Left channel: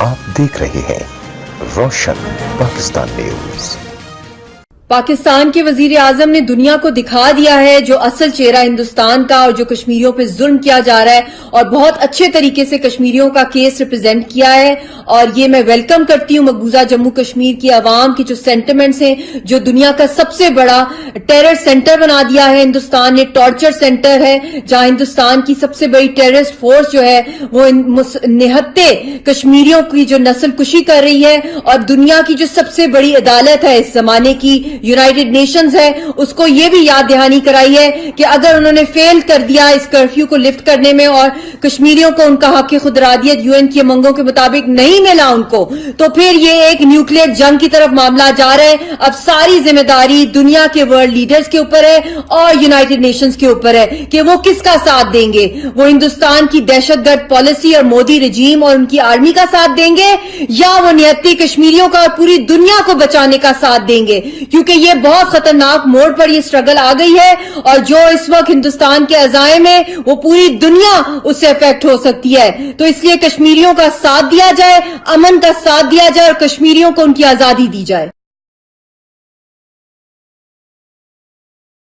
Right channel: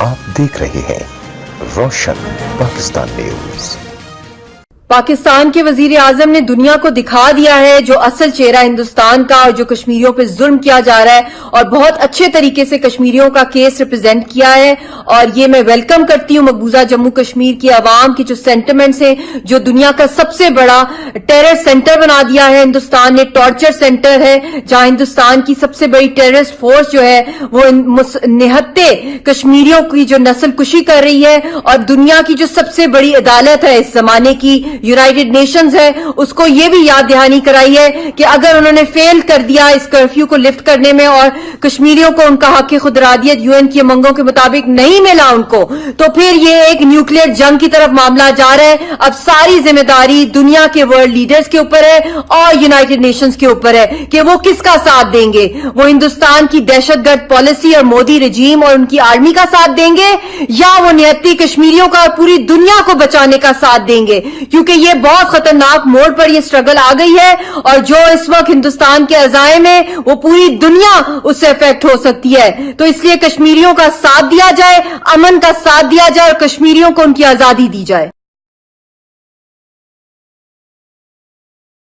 آپ دیکھ رہے ہیں روشن پاکستان نیوز۔ پاکستان کے وزیر اعظم نے دنیا کو دکھا دیا ہے جو اصل چہرہ ہندوستان کا اور جو کشمیریوں پہ ظلم کیا جا رہا ہے، اور بہت اچھے طریقے سے کشمیریوں کا کیس ریپرزینٹ کیا ہے۔ اور یہ میں ویلکم کرتی ہوں مقبوضہ جموں کشمیر کی عوام کی جو سینٹیمنٹس ہیں، جو دنیا کا سب سے بڑا ٹیرر سینٹر بنا دیا ہے ہندوستان نے، ٹارچر سینٹر ہے جہاں ہندوستان کی سب سے بڑی ٹیررسٹ فورس جو ہے وہ نہتے کشمیریوں کی جو نسل کشی کر رہی ہے، اور دنیا کی جو سب سے بڑی عدالت ہے اس زمانے کی یونائیٹڈ نیشنز ہے، اس کو یہ بھی یاد دہانی کرائی ہے کہ اگر انہوں نے فیل کر دیا اس کرفیو کو لفٹ کرنے میں اور کشمیریوں کو ان کا حق خود ارادیت یو این کی امنگوں کے مطابق نہیں ملا ان کو، تو پھر یہ ایک نیوکلیئر جنگ کی طرف معاملہ جا رہا ہے۔ اب ساری ذمہ داری دنیا کے ورلڈ لیڈرز کے اوپر ہے اور یونائیٹڈ نیشنز کے اوپر ہے کہ وہ کس کا ساتھ دیں گے۔ وہ ہندوستان کی دہشت گرد پالیسی اور مودی رجیم اور ان کی آرمی کا ساتھ دیں گے، یا وہ نہتی کشمیریوں کا اور پوری دنیا کو بچانے کا ساتھ دیں گے، کیونکہ یہ بہت خطرناک موڑ پر یہ سٹرگل آ گئی ہے، اور جو اس وقت ہندوستان کے عزائم ہے وہ پوری دنیا اس سے افیکٹ ہو سکتی ہے۔ تو اس لیے کشمیریوں کا ساتھ دیا جائے، امن کا ساتھ دیا جائے اور کشمیریوں کو ان کی آزادی دی جائے۔